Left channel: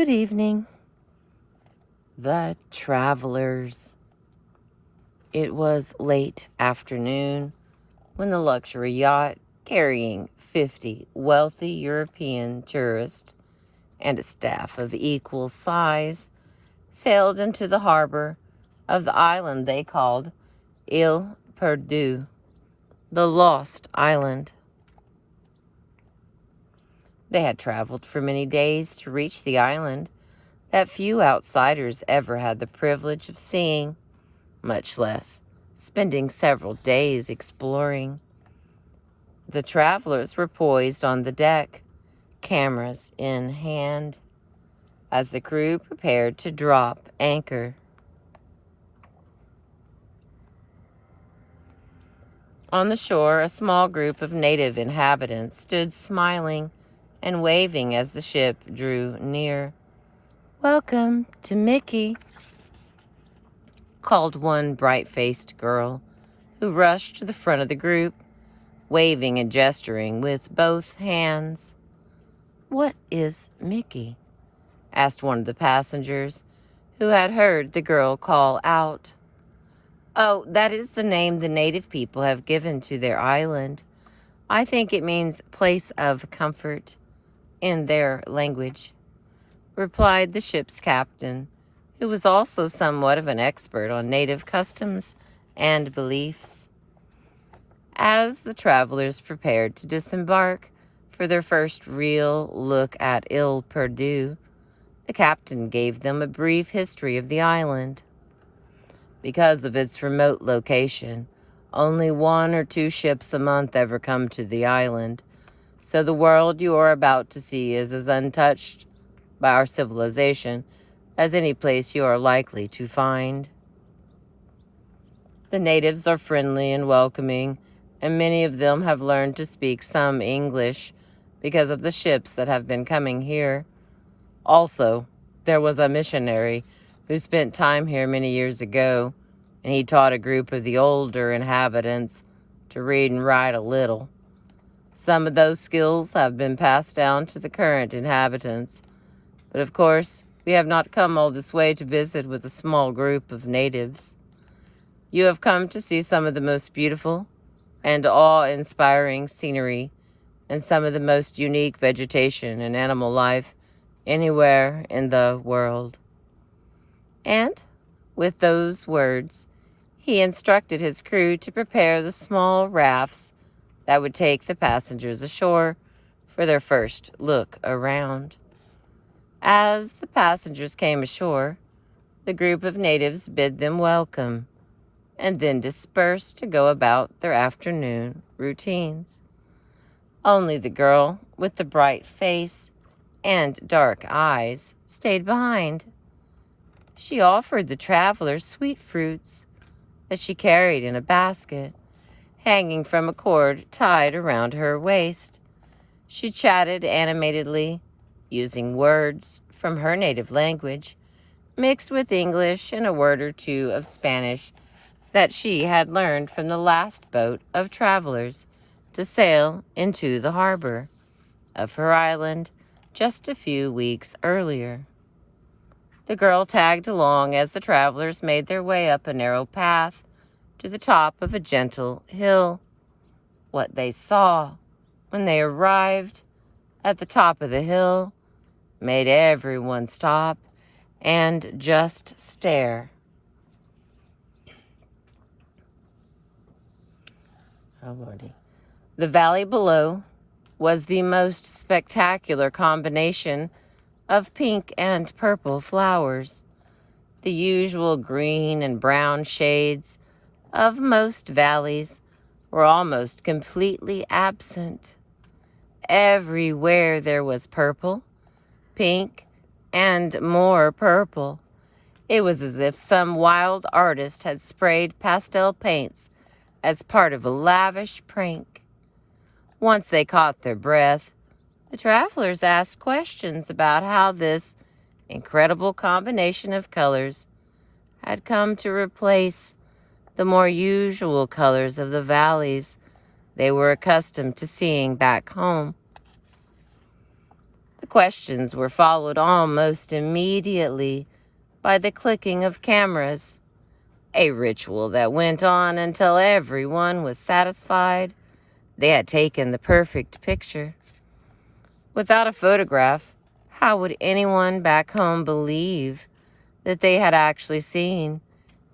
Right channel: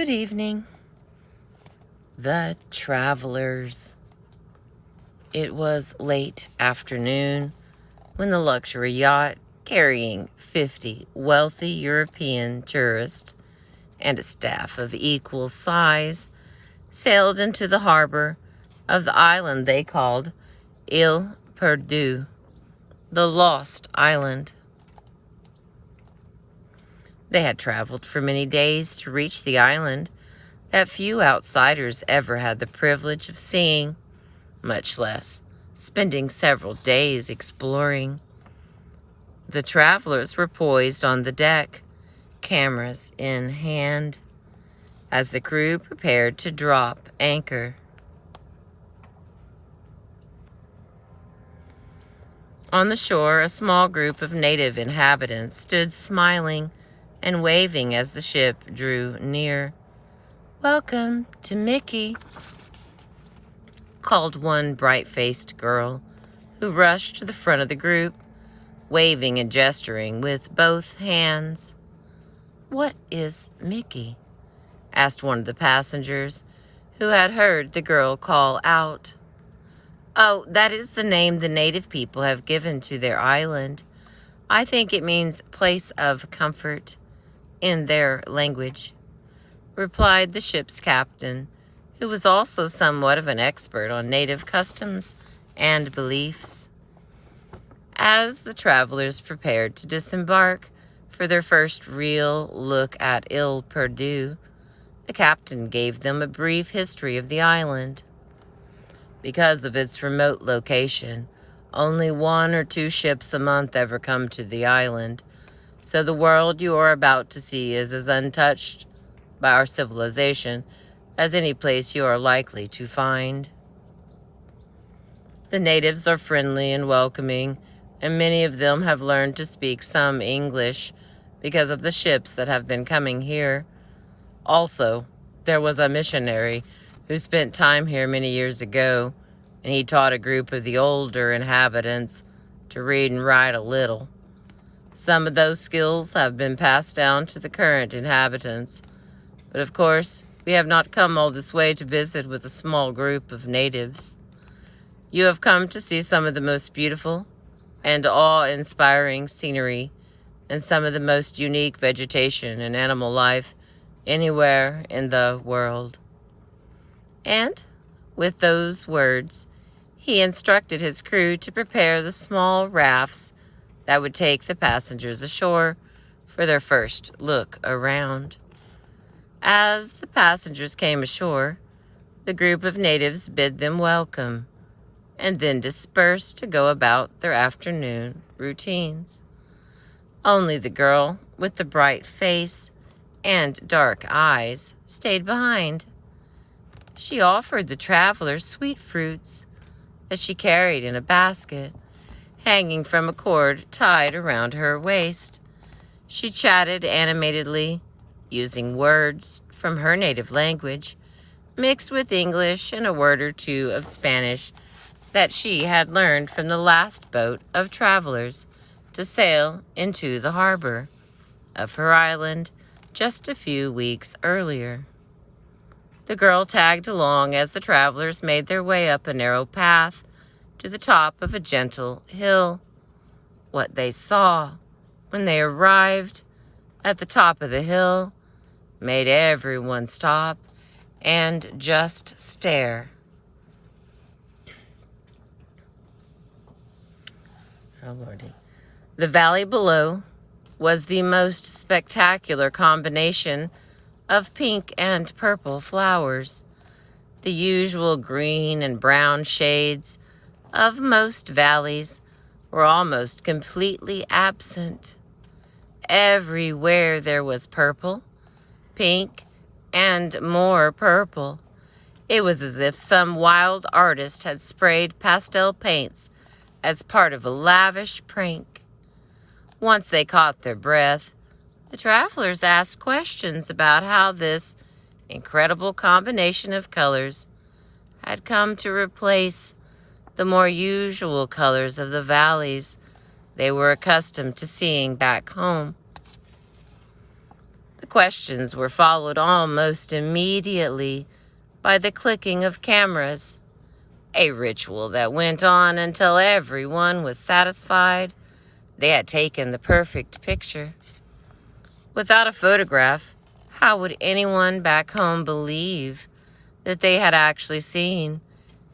Good evening, the travelers. It was late afternoon when the luxury yacht carrying 50 wealthy European tourists and a staff of equal size sailed into the harbor of the island they called Ile Perdue, the Lost Island. They had traveled for many days to reach the island that few outsiders ever had the privilege of seeing, much less spending several days exploring. The travelers were poised on the deck, cameras in hand, as the crew prepared to drop anchor. On the shore, a small group of native inhabitants stood smiling and waving as the ship drew near. "Welcome to Mickey," called one bright-faced girl who rushed to the front of the group, waving and gesturing with both hands. "What is Mickey?" asked one of the passengers who had heard the girl call out. "Oh, that is the name the native people have given to their island. I think it means place of comfort in their language," replied the ship's captain, who was also somewhat of an expert on native customs and beliefs. As the travelers prepared to disembark for their first real look at Ile Perdue, the captain gave them a brief history of the island. Because of its remote location, only 1 or 2 ships a month ever come to the island, so the world you are about to see is as untouched by our civilization as any place you are likely to find. The natives are friendly and welcoming, and many of them have learned to speak some English because of the ships that have been coming here. Also, there was a missionary who spent time here many years ago, and he taught a group of the older inhabitants to read and write a little. Some of those skills have been passed down to the current inhabitants, but of course, we have not come all this way to visit with a small group of natives. You have come to see some of the most beautiful and awe-inspiring scenery and some of the most unique vegetation and animal life anywhere in the world. And with those words, he instructed his crew to prepare the small rafts that would take the passengers ashore for their first look around. As the passengers came ashore, the group of natives bid them welcome and then dispersed to go about their afternoon routines. Only the girl with the bright face and dark eyes stayed behind. She offered the travelers sweet fruits that she carried in a basket, hanging from a cord tied around her waist. She chatted animatedly, using words from her native language, mixed with English and a word or two of Spanish that she had learned from the last boat of travelers to sail into the harbor of her island just a few weeks earlier. The girl tagged along as the travelers made their way up a narrow path to the top of a gentle hill. What they saw when they arrived at the top of the hill made everyone stop and just stare. Oh, Lordy. The valley below was the most spectacular combination of pink and purple flowers. The usual green and brown shades of most valleys were almost completely absent. Everywhere there was purple, pink, and more purple. It was as if some wild artist had sprayed pastel paints as part of a lavish prank. Once they caught their breath, the travelers asked questions about how this incredible combination of colors had come to replace the more usual colors of the valleys they were accustomed to seeing back home. The questions were followed almost immediately by the clicking of cameras, a ritual that went on until everyone was satisfied they had taken the perfect picture. Without a photograph, how would anyone back home believe that they had actually seen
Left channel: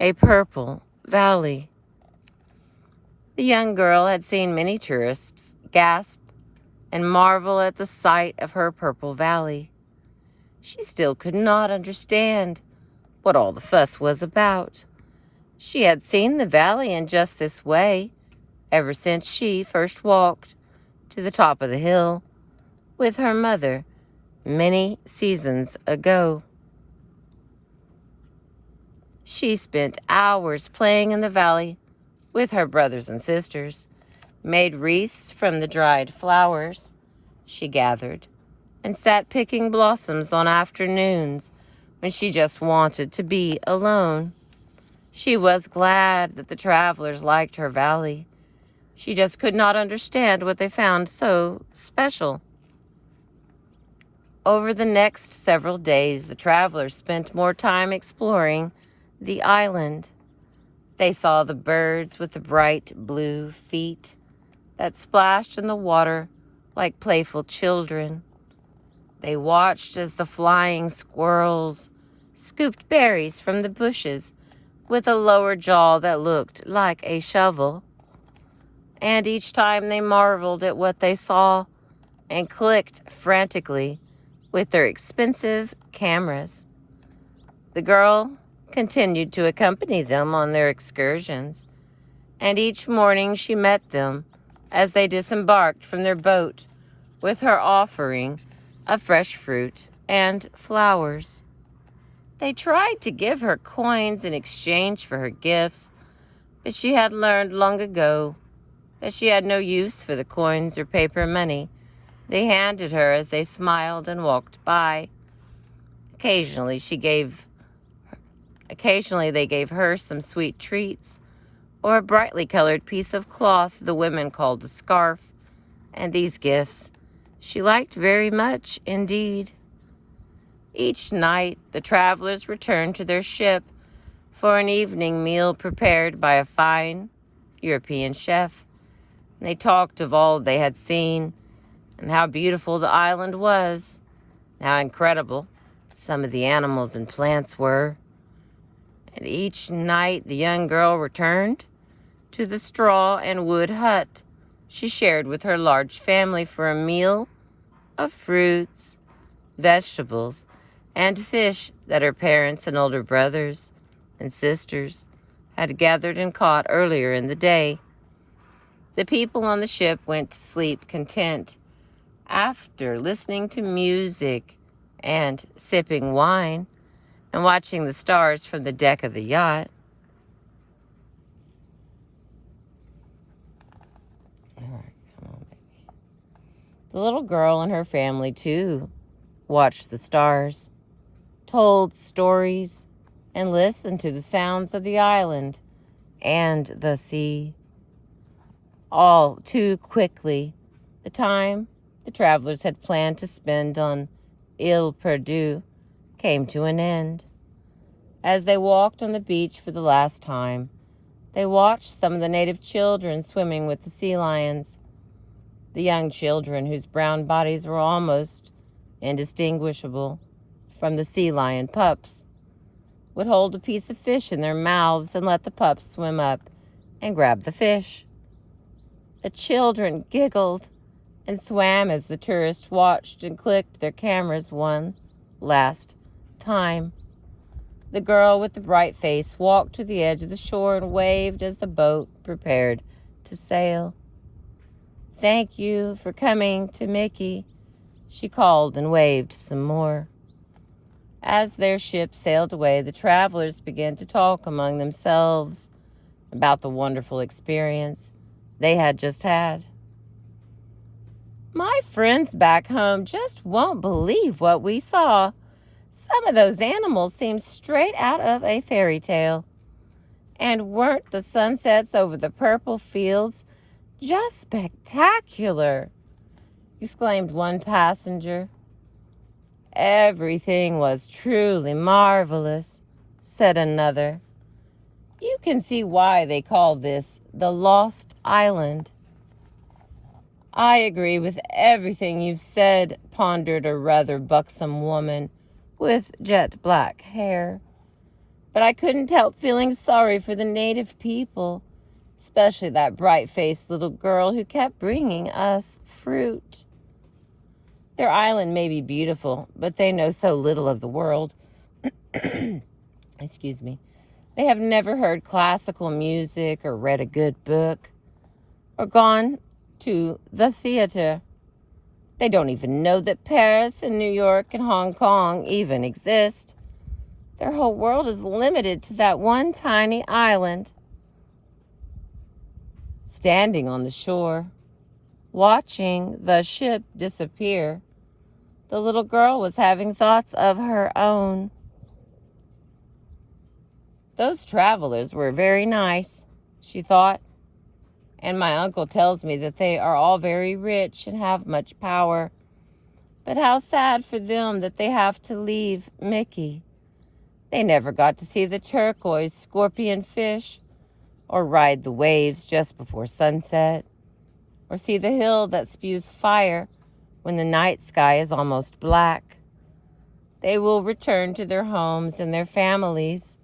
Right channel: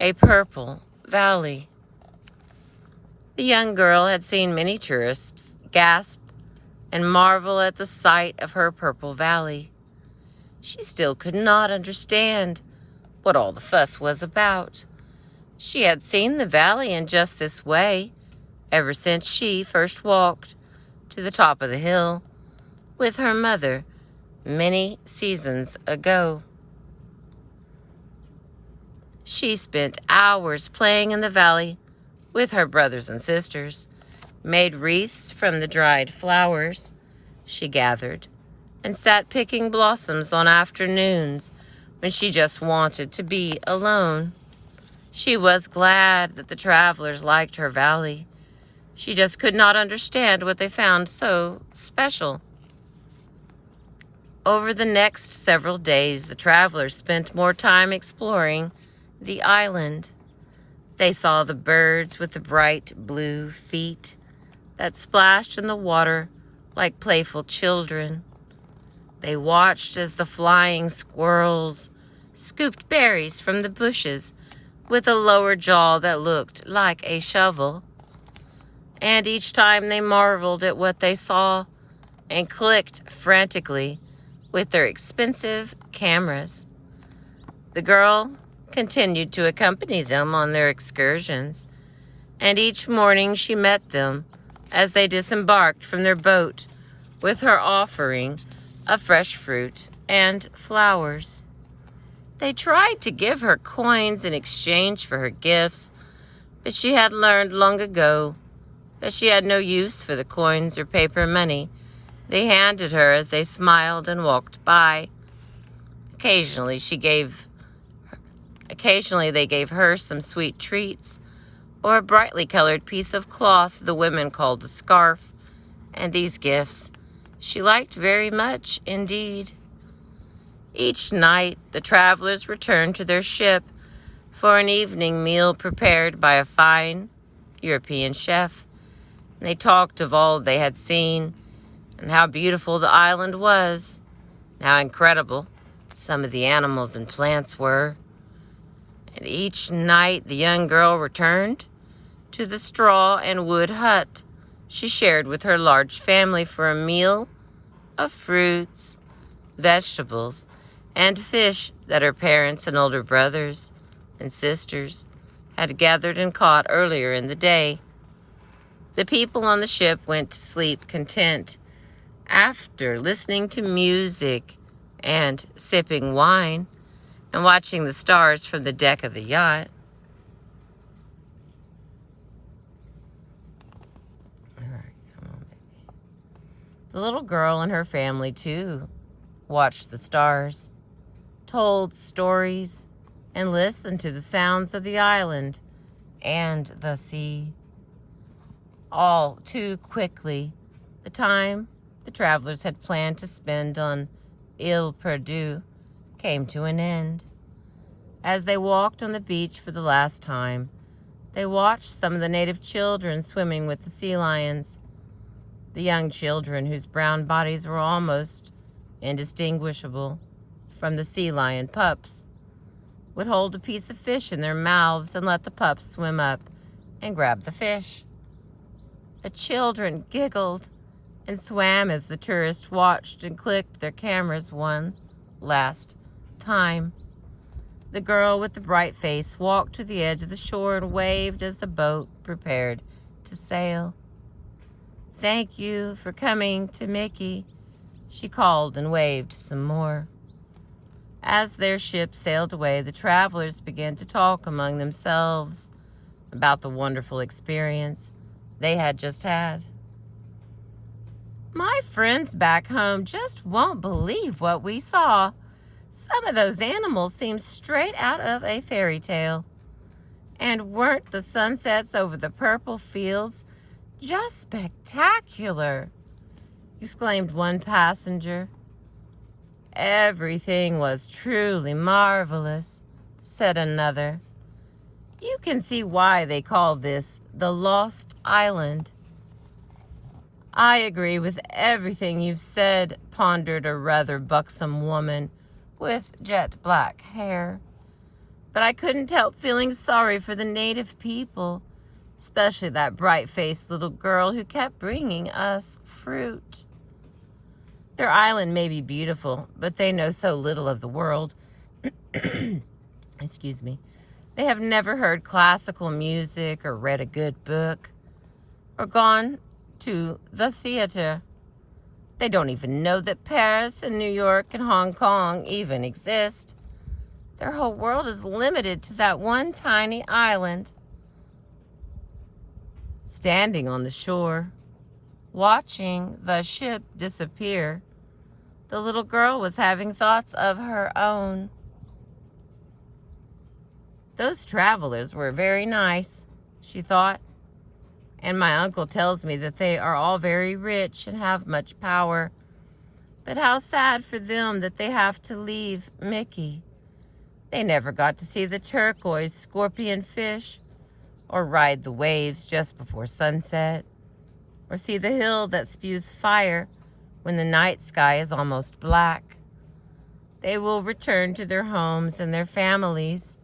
a purple valley? The young girl had seen many tourists gasp and marvel at the sight of her purple valley. She still could not understand what all the fuss was about. She had seen the valley in just this way ever since she first walked to the top of the hill with her mother many seasons ago. She spent hours playing in the valley with her brothers and sisters, made wreaths from the dried flowers she gathered, and sat picking blossoms on afternoons when she just wanted to be alone. She was glad that the travelers liked her valley. She just could not understand what they found so special. Over the next several days, the travelers spent more time exploring the island. They saw the birds with the bright blue feet that splashed in the water like playful children. They watched as the flying squirrels scooped berries from the bushes with a lower jaw that looked like a shovel. And each time they marveled at what they saw and clicked frantically with their expensive cameras. The girl continued to accompany them on their excursions, and each morning she met them as they disembarked from their boat with her offering of fresh fruit and flowers. They tried to give her coins in exchange for her gifts, but she had learned long ago that she had no use for the coins or paper money they handed her as they smiled and walked by. Occasionally they gave her some sweet treats or a brightly colored piece of cloth the women called a scarf, and these gifts she liked very much indeed. Each night the travelers returned to their ship for an evening meal prepared by a fine European chef. They talked of all they had seen and how beautiful the island was, and how incredible some of the animals and plants were. And each night the young girl returned to the straw and wood hut she shared with her large family for a meal of fruits, vegetables, and fish that her parents and older brothers and sisters had gathered and caught earlier in the day. The people on the ship went to sleep content after listening to music and sipping wine and watching the stars from the deck of the yacht. The little girl and her family, too, watched the stars, told stories, and listened to the sounds of the island and the sea. All too quickly, the time the travelers had planned to spend on Ile Perdue came to an end. As they walked on the beach for the last time, they watched some of the native children swimming with the sea lions. The young children, whose brown bodies were almost indistinguishable from the sea lion pups, would hold a piece of fish in their mouths and let the pups swim up and grab the fish. The children giggled and swam as the tourists watched and clicked their cameras one last time. The girl with the bright face walked to the edge of the shore and waved as the boat prepared to sail. "Thank you for coming to Mickey," she called and waved some more. As their ship sailed away, the travelers began to talk among themselves about the wonderful experience they had just had. "My friends back home just won't believe what we saw. Some of those animals seem straight out of a fairy tale. And weren't the sunsets over the purple fields just spectacular?" exclaimed one passenger. everything was truly marvelous, said another. You can see why they call this the Lost Island. I agree with everything you've said, pondered a rather buxom woman with jet black hair. But I couldn't help feeling sorry for the native people, especially that bright-faced little girl who kept bringing us fruit. Their island may be beautiful, but they know so little of the world. Excuse me. They have never heard classical music or read a good book or gone to the theater. They don't even know that Paris and New York and Hong Kong even exist. Their whole world is limited to that one tiny island. Standing on the shore, watching the ship disappear, the little girl was having thoughts of her own. Those travelers were very nice, she thought, and my uncle tells me that they are all very rich and have much power. But how sad for them that they have to leave Mickey. They never got to see the turquoise scorpion fish, or ride the waves just before sunset, or see the hill that spews fire when the night sky is almost black. They will return to their homes and their families,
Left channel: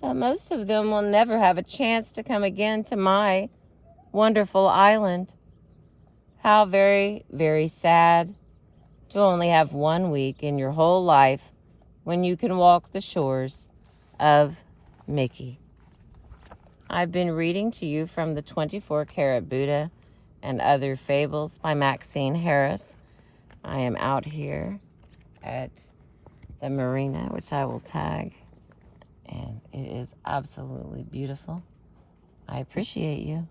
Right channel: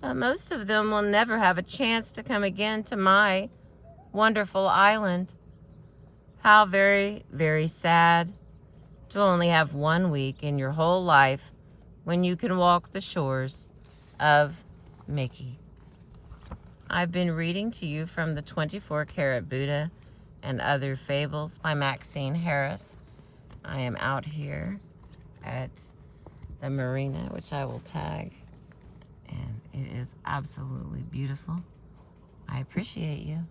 but most of them will never have a chance to come again to my wonderful island. How very, very sad to only have 1 week in your whole life when you can walk the shores of Mickey. I've been reading to you from the 24-Karat Buddha and Other Fables by Maxine Harris. I am out here at the marina, which I will tag, and it is absolutely beautiful. I appreciate you.